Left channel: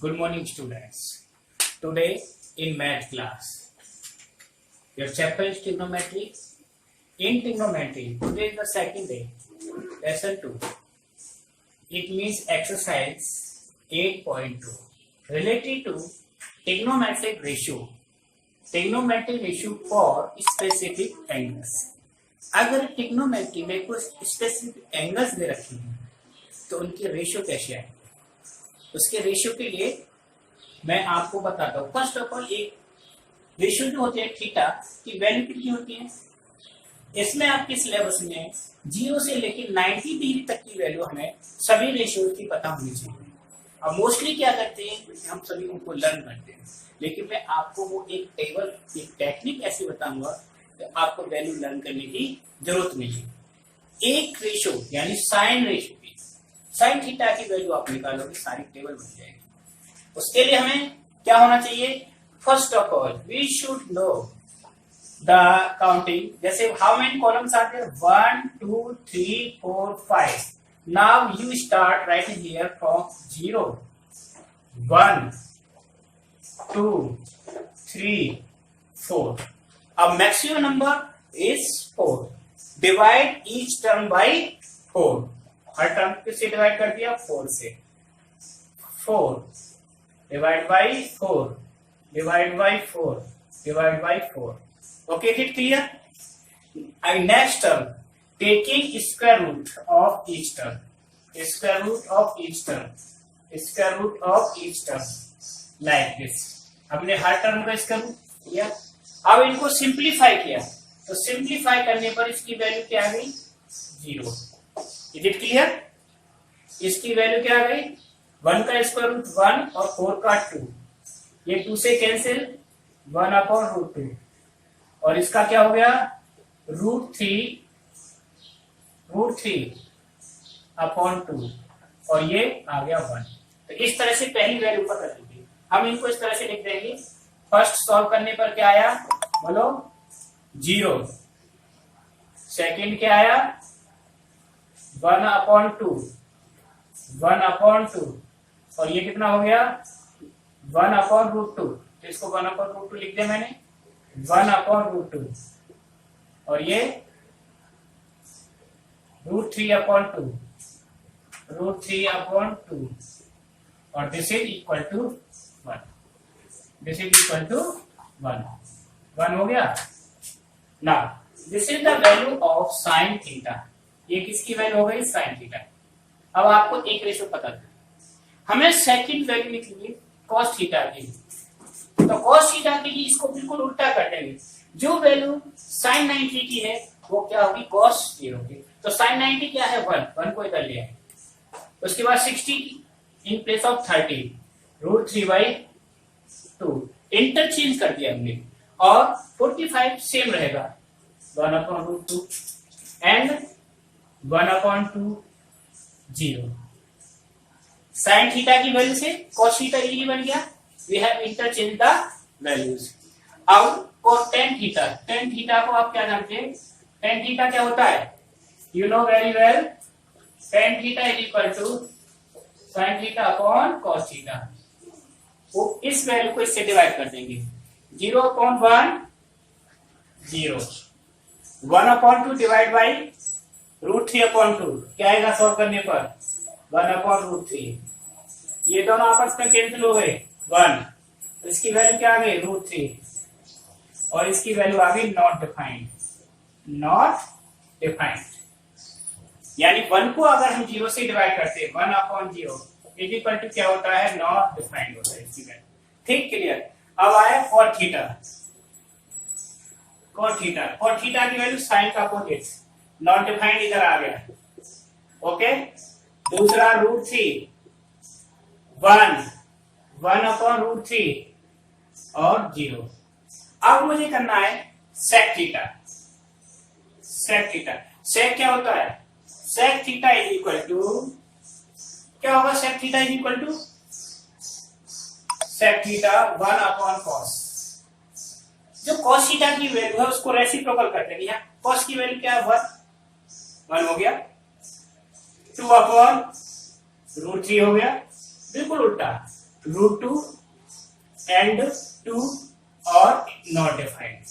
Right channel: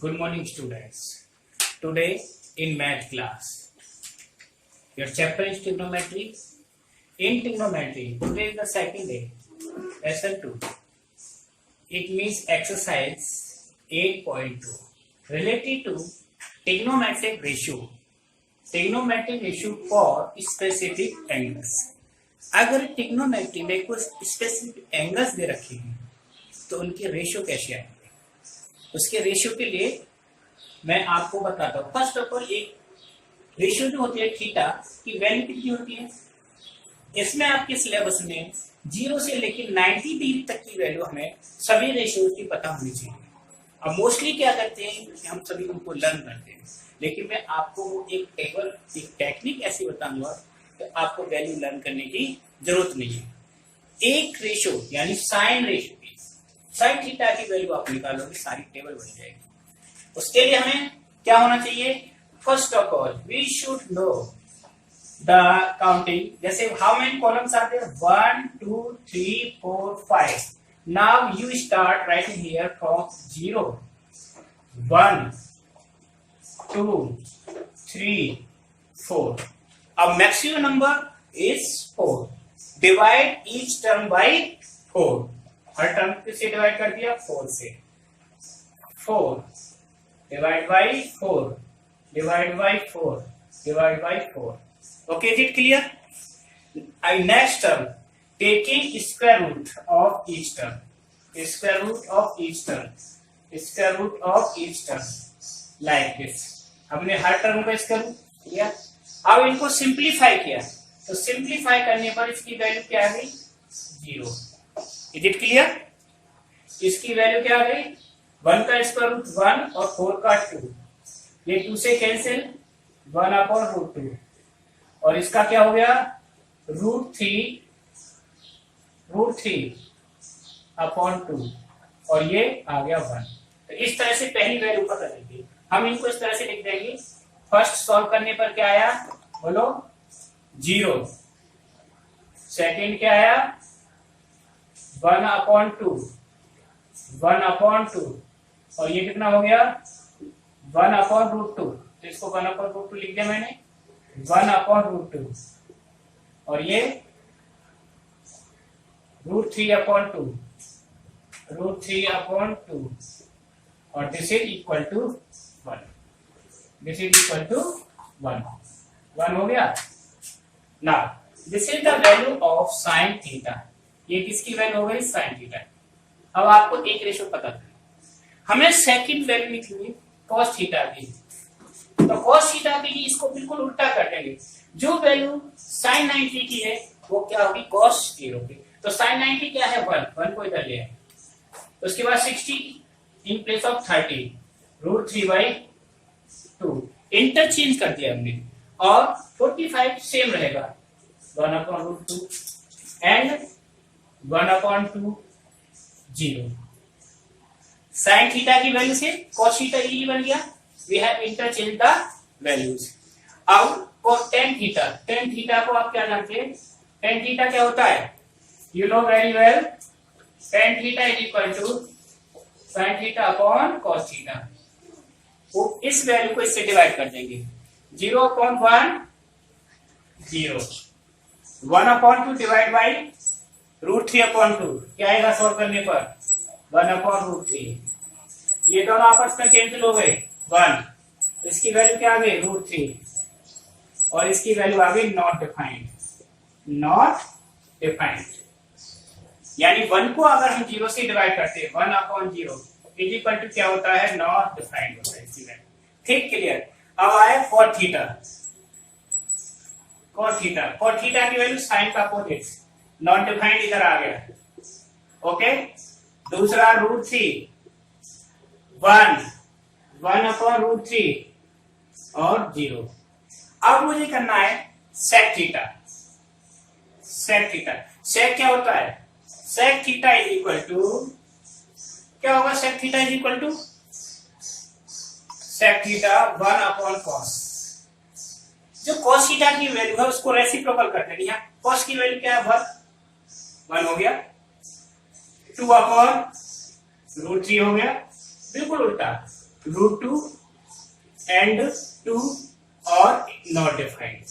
Good morning, students. Today in math class, your chapter is trigonometry. In trigonometry, today is the second day, lesson 2. It means exercise 8.2 related to trigonometric ratio. Trigonometric ratio for specific angles. अगर trigonometry में कुछ specific angles दे रखे हैं तो उनके ratio कैसे आएंगे, उसके रेशियो के लिए मैं आपको बताता हूँ। फर्स्ट ऑफ ऑल एक रेशियो जो होती है थीटा की वैल्यू कितनी होती है, इसमें आपके सिलेबस में 0 से लेकर 90 डिग्री तक की वैल्यू हमें सभी रेशियो की पता होनी चाहिए। अब मोस्टली क्या करते हैं, हम सभी उनको लर्न करते हैं, लेकिन मैं आपको वो एक टेबल एक टेक्निक ऐसी बताऊंगा कि आपको वैल्यू लर्न करने की जरूरत नहीं है। एक रेशियो यानी साइन रेशियो की साइन थीटा की वैल्यू आप निकालोगे, सारी टेबल बन जाएगी। उसके लिए हमें क्या होना चाहिए, first of all we should know the counting. जैसे how many columns are there, 1 2 3 4 5। Now you start writing here from 0 1 2 3 4। अब maximum number is 4। Divide each term by 4। हर टर्म किससे डिवाइड कर दिया, 4 से। 4 divide by 4 divide by 4 divide by 4। Okay, is it clear? Next term taking square root of each term, square root of each term, square root of each term like this. हमने हर term का square root लिया। अब इनको simplify किया तो simplify करने पर इसकी वैल्यू क्या आ गई, 0। Is it clear? इसकी वैल्यू क्या आ गई, 1 का स्क्वायर रूट 1 और 4 का 2। ये 2 से कैंसिल, 1 अपॉन रूट 2। और इसका क्या हो गया, रूट 3 अपॉन 2 और ये आ गया 1। तो इस तरह से पहली वैल्यू पता चलेगी। हम इनको इस तरह से लिख देंगे। फर्स्ट सॉल्व करने पर क्या आया, बोलो 0। सेकेंड क्या आया, 1 अपॉन 2, 1 अपॉन 2 और ये कितना हो गया, 1 अपॉन रूट 2। तो इसको 1 अपॉन रूट 2 लिख दिया मैंने, 1 अपॉन रूट 2 और ये रूट 3 अपॉन 2, रूट 3 अपॉन 2 और this is equal to 1। This is equal to 1 हो गया। Now this is the value of sine theta. ये किसकी वैल्यू हो गई, साइन थीटा। अब आपको एक रेशियो पता है, हमें सेकंड वैल्यू लिखनी कॉस थीटा की। तो कॉस थीटा के लिए इसको बिल्कुल उल्टा कर देंगे। जो वैल्यू साइन 90 की है वो क्या होगी, कॉस 0 की। तो साइन 90 क्या है, 1 को इधर ले आए। उसके बाद 60 in place of 30, root 3/2 interchange कर दिया हमने। और 45 सेम रहेगा, 1 upon root 2 and 1 upon 2 0। Sine theta की वैल्यू से कॉस थीटा इजी बन गया। We have interchange the values. अब टेन थीटा को आप क्या जानते हैं, टेन थीटा क्या होता है, you know very well. Tan theta is equal to sine theta upon cos theta. वो इस वैल्यू को इससे डिवाइड कर देंगे। 0 upon 1 0, 1 upon 2 divide by root 3 upon 2 क्या आएगा सॉल्व करने पर, 1 अपॉन रूट 3। ये दोनों आपस में कैंसिल हो गए 1। तो इसकी वैल्यू क्या आ गई, रूट 3 और इसकी वैल्यू आ गई नॉट डिफाइंड। नॉट डिफाइंड यानी 1 को अगर हम 0 से डिवाइड करते हैं, 1 अपॉन 0 इज इक्वल टू क्या होता है, नॉट डिफाइंड होता है इसकी वैल्यू। ठीक, क्लियर? अब आया कॉट थीटा। कॉट थीटा की वैल्यू साइन का अपोजिट, नॉट डिफाइंड इधर आ गया। ओके, दूसरा रूट 3 1 अपॉन रूट 3 और 0। अब मुझे करना है सेक थीटा। सेक क्या होता है, sec theta is equal to क्या होगा, sec theta is equal to sec theta 1 upon cos. जो कॉस थीटा की वैल्यू है उसको रेसिप्रोकल कर देंगे। यहाँ कॉस की वैल्यू क्या है, 1 हो गया। 2 अपॉन रूट 3 हो गया, बिल्कुल उल्टा रूट टू एंड टू और not defined.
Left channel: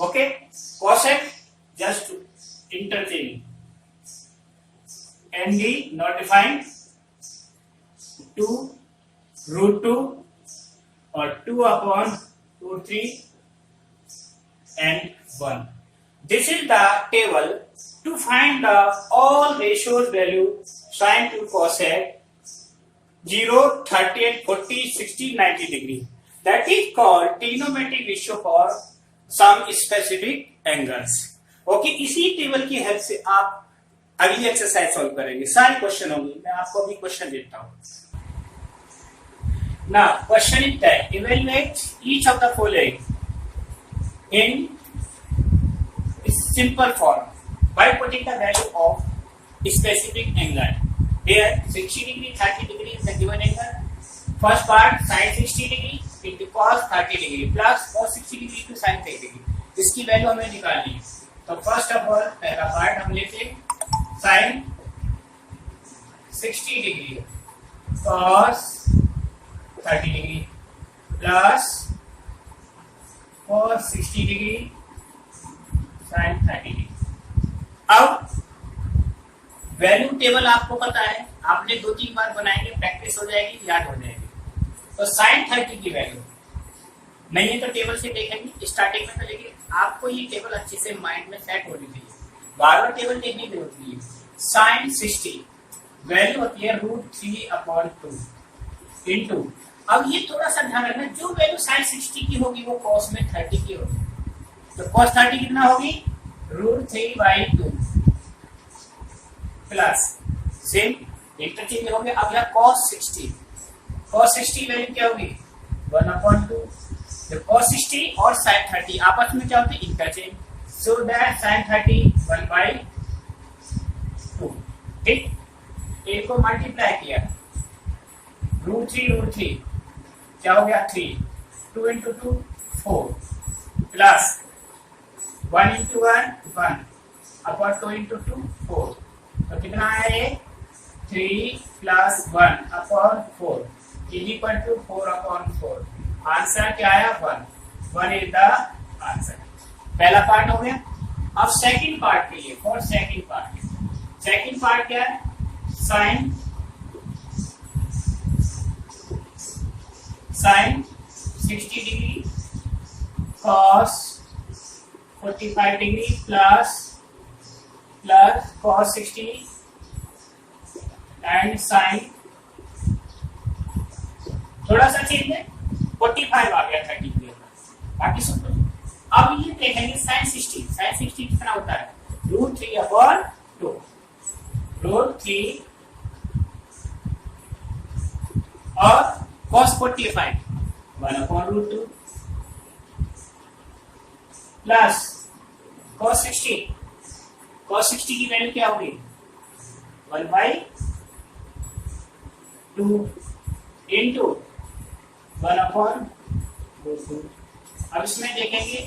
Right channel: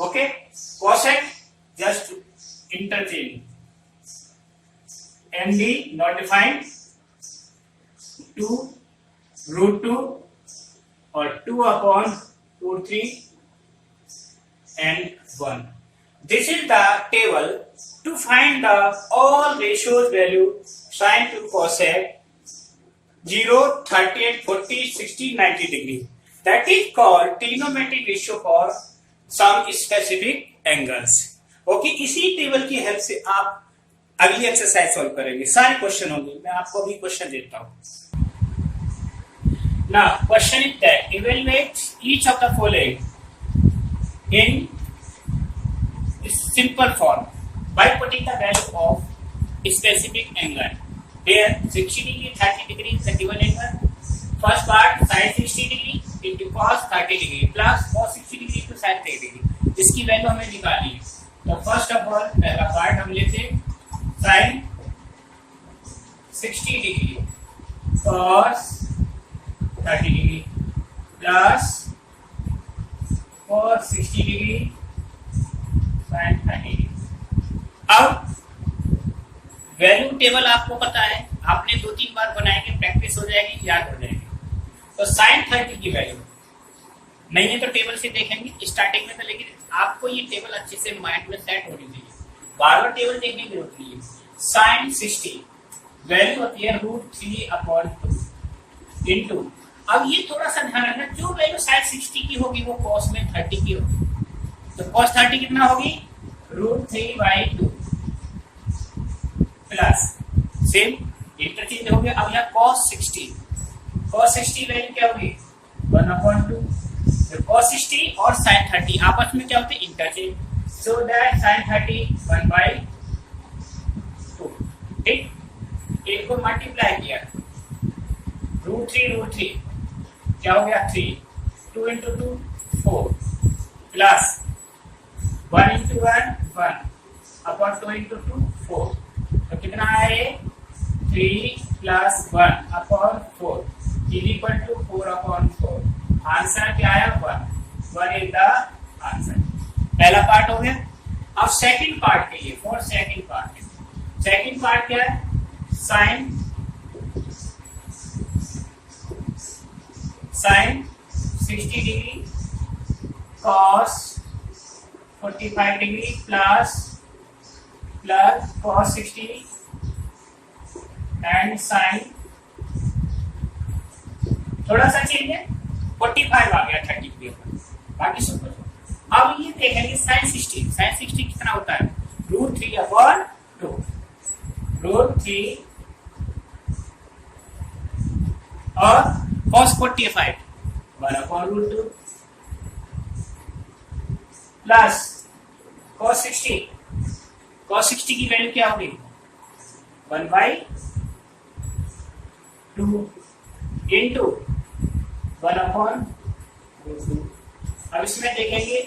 Okay, cosec just interchange. MD not defined, 2 root 2 or 2 upon root 3 and 1. This is the table to find the all ratios value sin to cosec 0, 30 and 40, 60, 90 degree. That is called trigonometric ratio for some specific angles. Okay, इसी table की help से आप अगली exercise solve करेंगे. सारे question होंगे. मैं आपको अभी क्वेश्चन देता हूं. Now, question is that evaluate each of the following in simple form by putting the value of specific angle. Here, 60 degree, 30 degree is the given angle. First part sin 60 degree into cos 30 degree plus cos 60 degree to sin 30 degree. इसकी value हमें निकालनी है. तो first of all पहला part हम लेते हैं sin 60 degree cos 30 degree plus cos 60 degree sin 30 degree. अब वैल्यू टेबल आपको पता है, आपने 2-3 बार बनाएंगे, प्रैक्टिस हो जाएगी, याद हो जाएगी. तो sin 30 की वैल्यू नहीं है तो टेबल से देखेंगे स्टार्टिंग में. तो लेकिन आपको ये टेबल अच्छे से माइंड में सेट होनी चाहिए, बार बार टेबल देखने की जरूरत नहीं है. sin 60 वैल्यू होती है √3/2 इंटू. अब ये थोड़ा सा ध्यान रखना, जो वैल्यू sin 60 की होगी वो cos में 30 की होगी. तो cos 30 कितना होगी √3/2 प्लस सेम इंटरचेंज हो गया. अब यहाँ cos 60 वैल्यू क्या होगी 1/2. तो cos 60 और sin 30 आपस में क्या होते हैं इंटरचेंज. So that sin 30 1/2. ठीक, इनको मल्टीप्लाई किया √3 क्या हो गया 3. 2 into 2 4 plus 1 into 1 upon 2 into 2 4. तो कितना आया ये 3 plus 1 upon 4 is equal to 4/4. Answer क्या आया 1 is the आंसर. पहला पार्ट हो गया. अब सेकंड पार्ट के लिए फॉर सेकंड पार्ट क्या है sin 60 degree cos 45 degree plus cos 60 and sin थोड़ा सा चेंज है 45 आ गया 30 के ऊपर, बाकी सब कुछ. अब ये देखेंगे sin 60 कितना होता है √3/2. √3 और cos 45 1/√2 प्लस cos 60 की वैल्यू क्या होगी 1/2 इंटू 1/√2. अब इसमें देखेंगे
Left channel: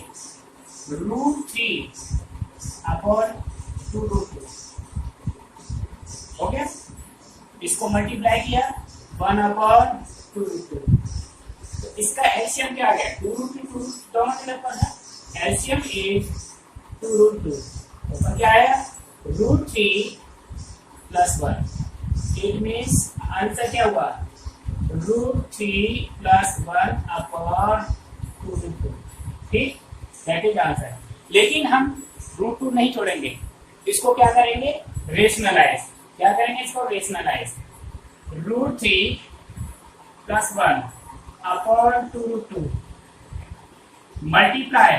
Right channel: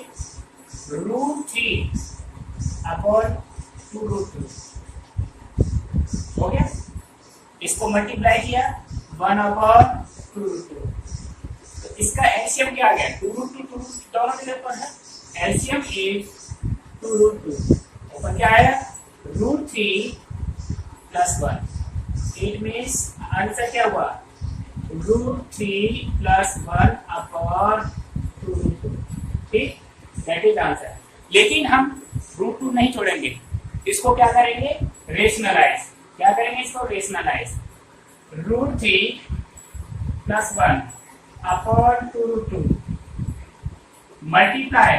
√3/2√2 हो गया. इसको मल्टीप्लाई किया 1/2√2. तो इसका एलसीएम क्या आ गया 2√2 दोनों जगह पर है. LCM is 2√2. ऊपर क्या आया √3 + 1. इट मीन्स आंसर क्या हुआ √3 + 1/2√2. ठीक, दैट इज आंसर. लेकिन हम √2 नहीं छोड़ेंगे, इसको क्या करेंगे रेशनलाइज. क्या करेंगे इसको rationalise. √3 + 1/2√2 multiply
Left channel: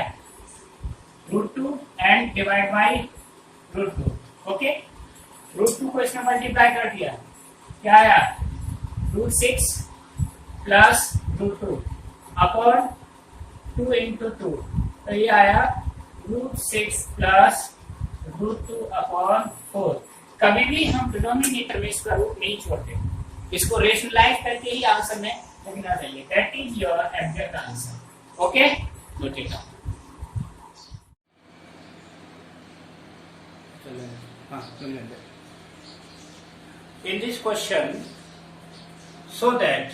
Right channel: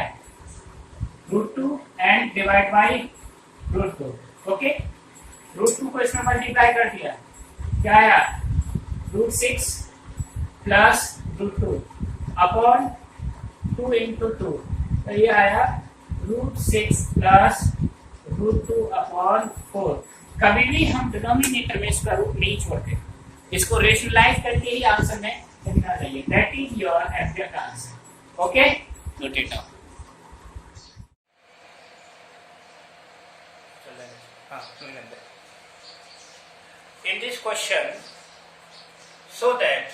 √2 and divide by √2. Okay, √2 को इसमें मल्टीप्लाई कर दिया, क्या आया √6 + √2 अपॉन 2 into 2. तो ये आया √6 + √2/4. कभी भी हम डिनोमिनेटर में इसका रूट नहीं छोड़ते, इसको रेशनलाइज करके ही आंसर में लिखना चाहिए. That is your exact answer. Okay, note it down. In this question, so that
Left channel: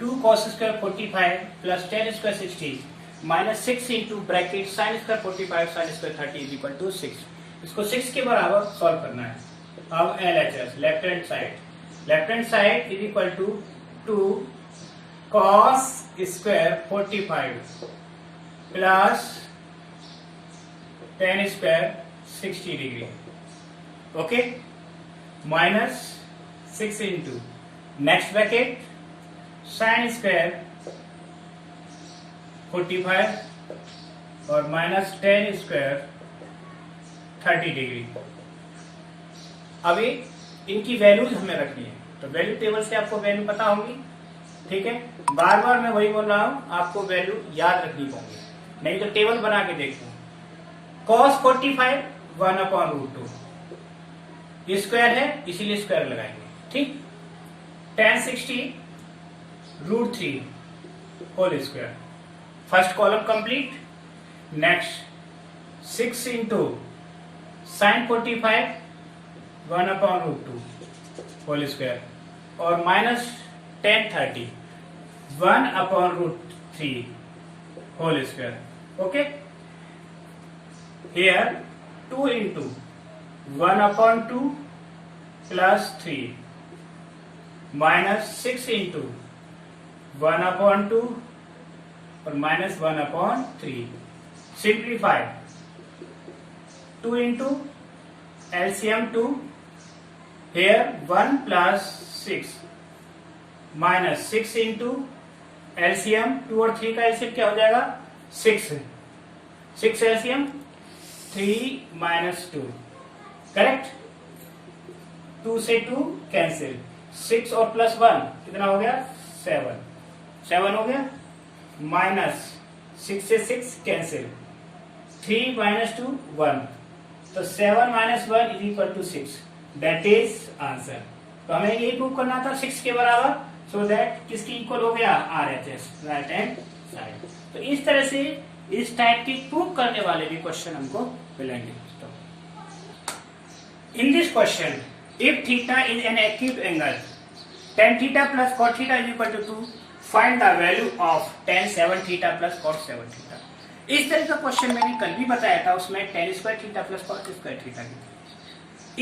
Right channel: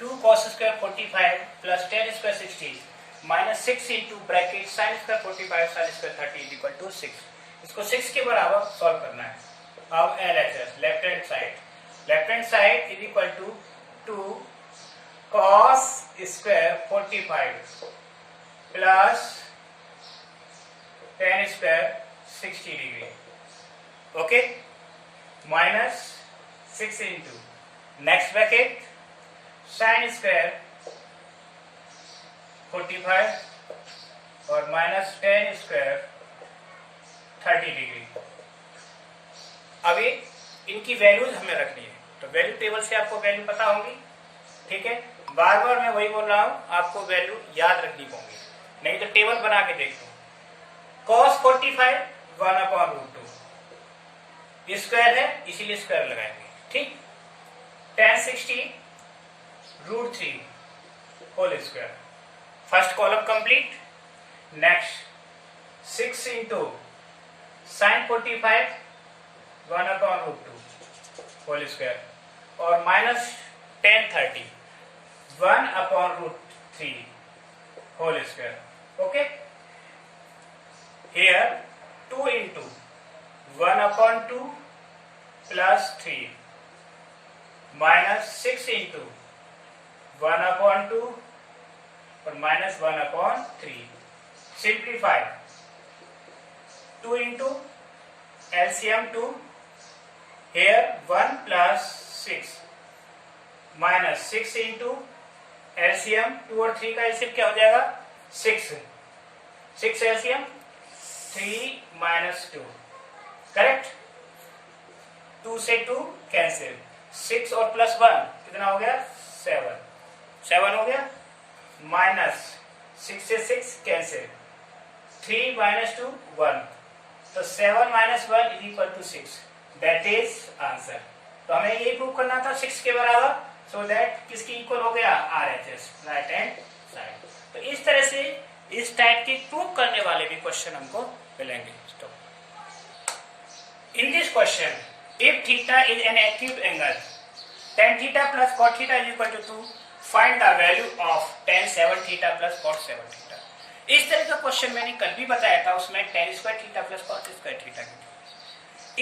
2 cos square 45 plus 10 square 60 minus 6 into bracket sine square 45 sine square 30 is equal to 6। इसको 6 के बराबर सॉल्व करना है। अब LHS left hand side is equal to 2 cos square 45 plus 10 square 60 degree, okay, minus 6 into next bracket sine square 45 और minus 10 square 30 degree. अभी इनकी values हमें रखनी है, तो वैल्यू टेबल से आपको वैल्यू पता होंगी, ठीक है। बार बार मैं वही बोल रहा हूं, आपको वैल्यू याद रखनी होगी, नहीं तो टेबल बना के देख लो। cos 45 1/√2 स्क्वायर है इसीलिए स्क्वायर लगाएंगे, ठीक। tan 60 √3 whole square, first column complete. Next 6 into sine 45 1/√2 whole square और minus 10 30 1/√3 whole square, okay. Here 2 into 1/2 plus 3 minus 6 into 1/2 और minus 1/3. Simplify 2 into LCM 2. Here 1 plus 6 minus 6 into LCM 2 और 3 का LCM क्या हो जाएगा 6 LCM 3 minus 2, correct. 2 से 2 cancel, 6 और plus 1 कितना हो गया 7 हो गया, माइनस 6 से 6 कैंसिल, 3 minus 2 1, तो 7 minus 1 is equal to 6, that is answer. तो हमें ये प्रूव करना था 6 के बराबर, सो दैट किसकी इक्वल हो गया RHS, राइट हैंड साइड। तो इस तरह से इस टाइप की प्रूव करने वाले भी क्वेश्चन हमको मिलेंगे। In this question if theta is an acute angle tan theta plus cot theta is equal to 2, find the value of tan 7 theta plus cot 7 theta. इस तरह का क्वेश्चन मैंने कल भी बताया था, उसमें tan square theta plus cot square theta की।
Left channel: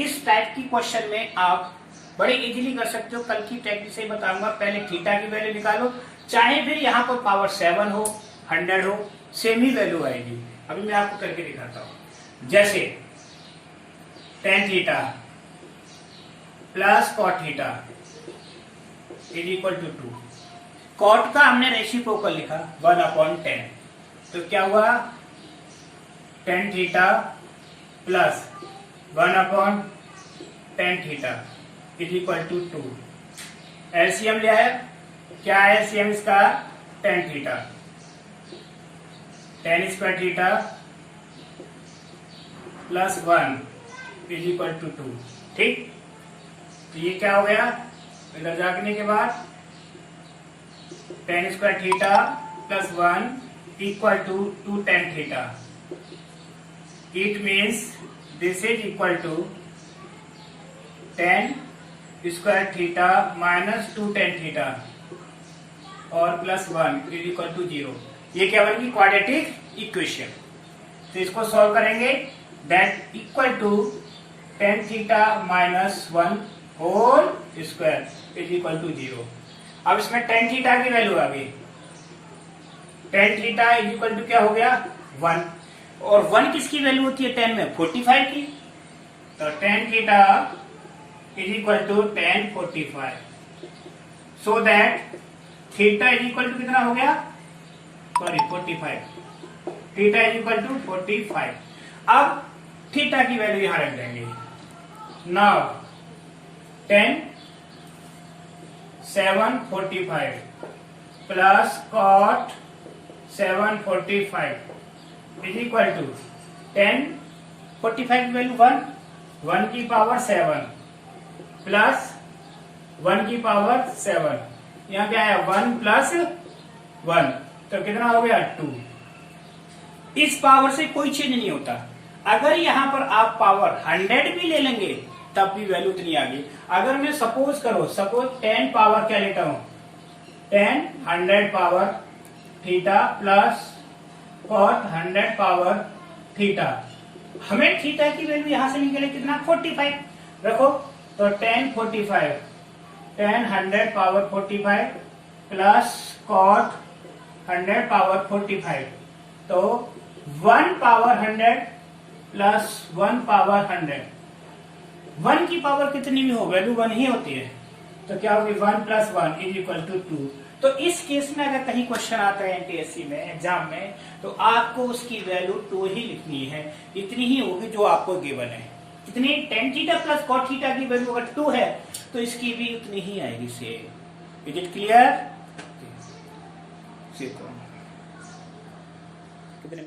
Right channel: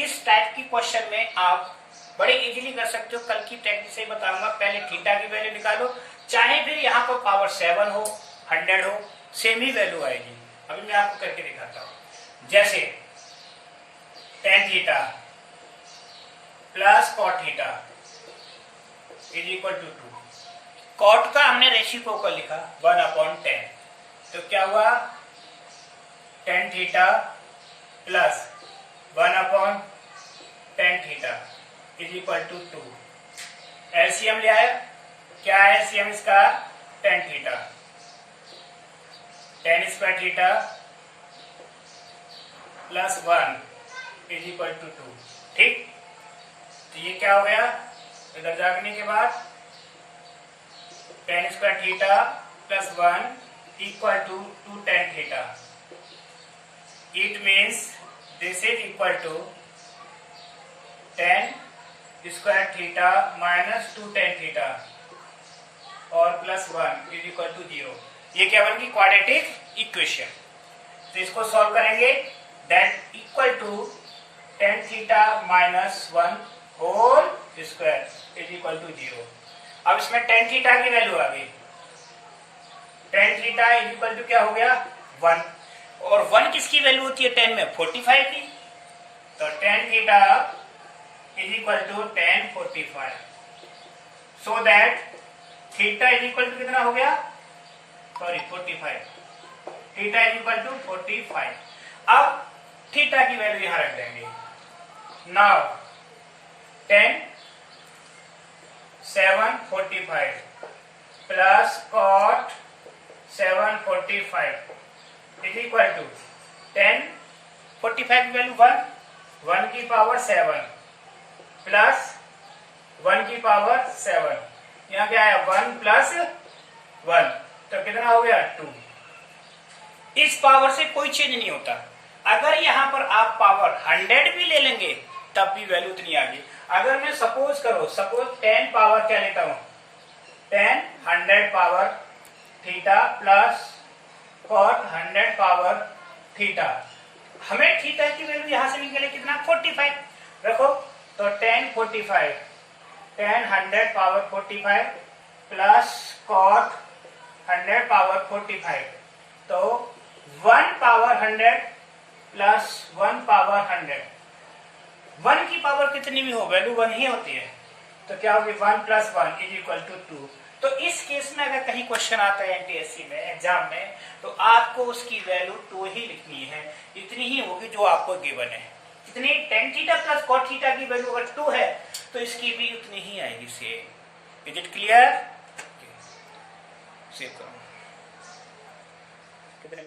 इस टाइप की क्वेश्चन में आप बड़े इजीली कर सकते हो, कल की टेक्निक से बताऊंगा। पहले थीटा की वैल्यू निकालो, चाहे फिर यहाँ पर पावर 7 हो 100 हो, सेम ही वैल्यू आएगी। अभी मैं आपको करके दिखाता हूं। जैसे tan theta plus cot theta is equal to 2, cot का हमने रेसिप्रोकल लिखा 1/10, तो क्या हुआ tan theta plus 1/10 theta is equal to 2। LCM लिया है, क्या है एलसीएम इसका tan theta, tan square theta plus 1 is equal to 2, ठीक। तो ये क्या हो गया, इधर जाने के बाद tan square theta plus 1 equal to 2 tan theta. It means this is equal to tan square theta minus 2 tan theta और प्लस 1 इज इक्वल टू 0। ये क्या बनेगी क्वाड्रेटिक इक्वेशन। तो इसको सॉल्व करेंगे, that equal to tan theta minus 1 whole square is equal to 0। अब इसमें tan theta की वैल्यू आ गई, tan theta is equal to क्या हो गया 1, और 1 किसकी वैल्यू होती है tan में 45 की, तो tan theta is equal to tan 45, so that theta is equal to कितना हो गया, sorry 45, theta is equal to 45। अब थीटा की वैल्यू यहां रख देंगे। Now tan 745 plus cot 745 is equal to tan 45 की वैल्यू 1 की पावर 7 प्लस 1 की पावर 7, यहाँ क्या है 1 प्लस 1, तो कितना हो गया 2। इस पावर से कोई चेंज नहीं होता। अगर यहाँ पर आप पावर 100 भी ले लेंगे तब भी वैल्यू इतनी आ गई। अगर मैं सपोज tan पावर क्या लेता हूं tan 100 power theta plus cot 100 power theta. हमें थीटा की वैल्यू यहां से निकले कितना 45 रखो, तो tan 45 tan 100 power 45 plus cot 100 power 45, तो 1 पावर 100 प्लस 1 पावर 100, 1 की पावर कितनी भी हो वैल्यू 1 ही होती है, तो क्या होगी 1 प्लस 1 इज इक्वल टू 2। तो इस केस में अगर कहीं क्वेश्चन आता है एनटीएससी में एग्जाम में, तो आपको उसकी वैल्यू 2 ही लिखनी है, इतनी ही होगी जो आपको गिवन है। कितनी tan theta plus cot theta की वैल्यू अगर 2 है तो इसकी भी उतनी ही आएगी सेम। Is it clear? कितने